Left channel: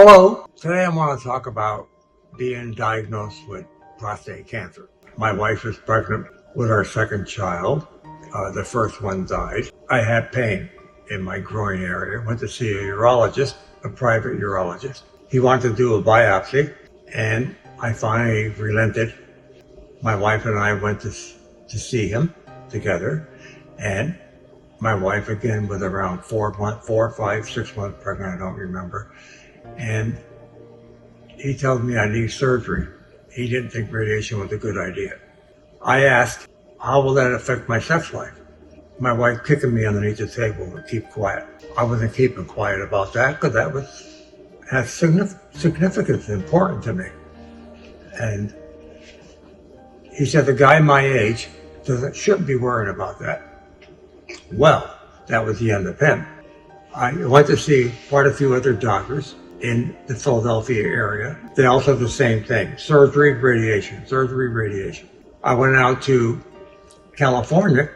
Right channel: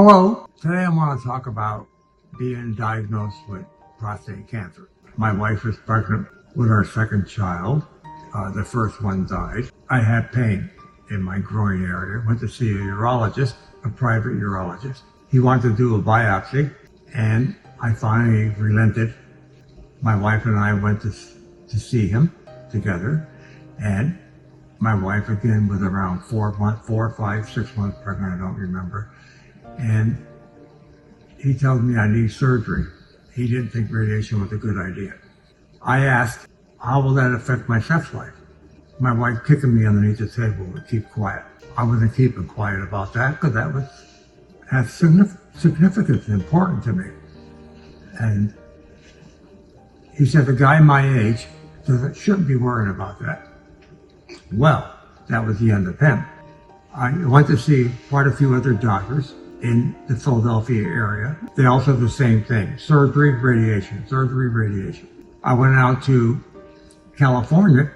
Hello. Today I want to talk about being diagnosed with prostate cancer. My wife is pregnant with our second child. The first one died. I had pain in my groin area. Went to see a urologist, a private urologist. He wanted to do a biopsy, and I finally relented. My wife and I went to see him together, and my wife again was around 4, 5, 6 months pregnant, I don't remember. And he told me I need surgery. He didn't think radiation was a good idea. I asked, how will that affect my sex life? My wife kicking me underneath the table to keep quiet. I wasn't keeping quiet about that because that has significance, important to me. And he said, the guy my age shouldn't be worrying about that. Well, that was the end of him. I went to see quite a few other doctors in the Philadelphia area. They all said the same thing: surgery, radiation, surgery, radiation. I went out to California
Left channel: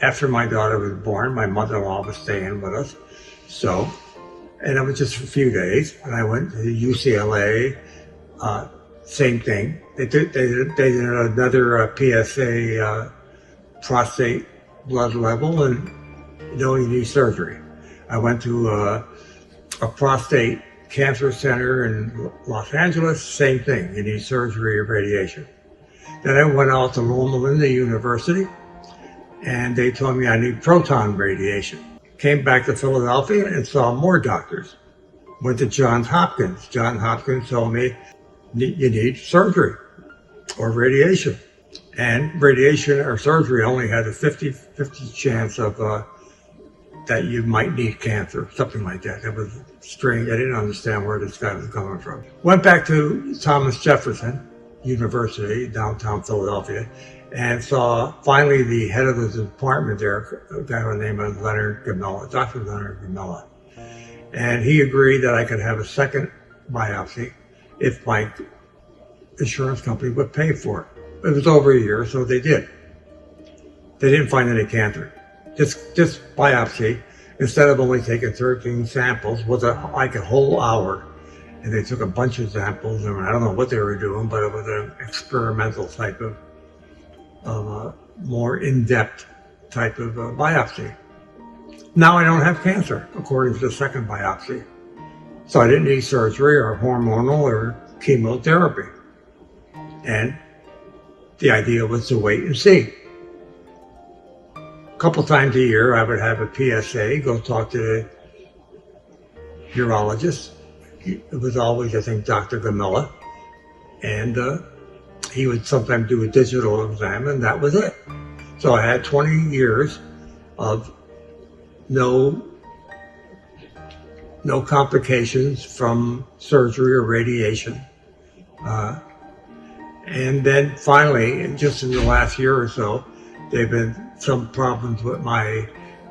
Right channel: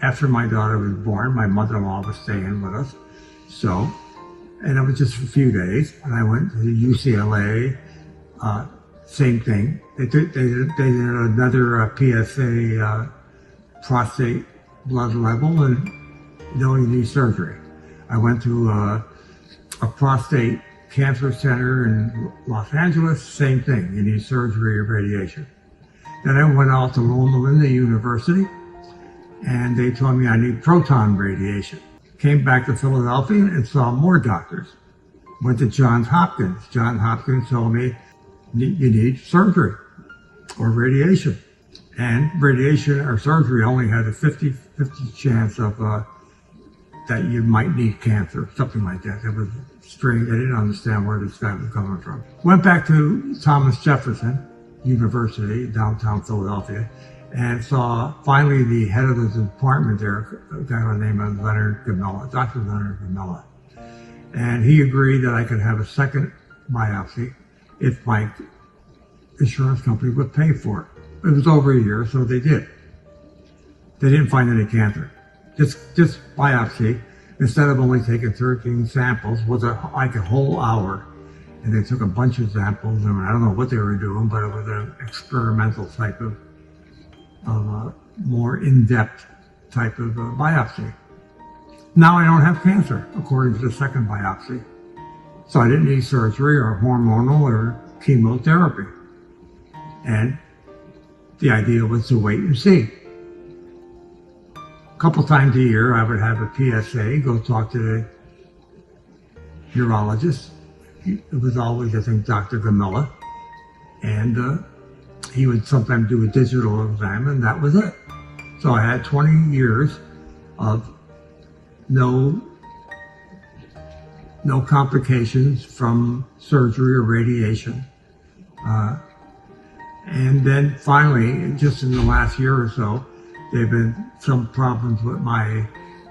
after my daughter was born. My mother-in-law was staying with us. And it was just for a few days. And I went to UCLA, same thing. They did another PSA prostate blood level, and you need surgery. I went to a prostate cancer center in Los Angeles, same thing, you need surgery or radiation. Then I went out to Loma Linda University, and they told me I need proton radiation. Came back to Philadelphia and saw more doctors. Went to Johns Hopkins. Johns Hopkins told me you need surgery or radiation. And radiation or surgery only had a 50-50 chance of that you might need cancer, something like that. It was strange. I didn't understand where this guy was coming from. Went back to Thomas Jefferson University, downtown Philadelphia, and saw finally the head of the department there, a guy by the name of Leonard Gamella, Dr. Leonard Gamella. And he agreed that I could have a second biopsy if my insurance company would pay for it. It was over a year, so they did. They didn't find any cancer. This biopsy, instead of only taking 13 samples, was like a whole hour. And they took a bunch of samples, and I don't know what they were doing, but it was an experimental type of more in-depth type of biopsy. Now I don't have cancer, according to the second biopsy. So I didn't need surgery or hormonal or chemotherapy. And the idea was to wait and see. A couple times a year, I would have a PSA, go talk to the urologist. It was always, I think, Dr. Gamella. And he would sometimes do a digital exam, and that was it. So I had 20 years of no complications from surgery or radiation. And then finally, just in the last year or so, there have been some problems with my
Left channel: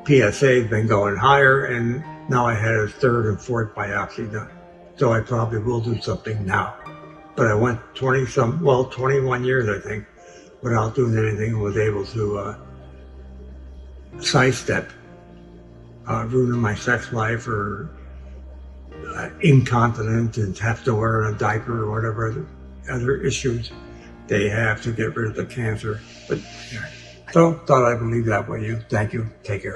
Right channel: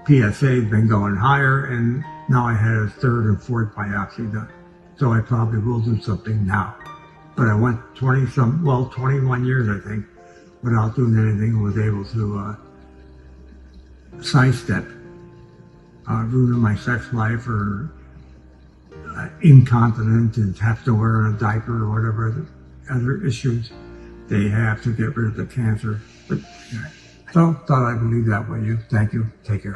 PSA, been going higher, and now I had a third and fourth biopsy done. So I probably will do something now. But I went 21 years, I think, without doing anything, and was able to sidestep ruining my sex life or incontinent and have to wear a diaper or whatever other issues they have to get rid of the cancer. But anyway, so thought I would leave that with you. Thank you. Take care.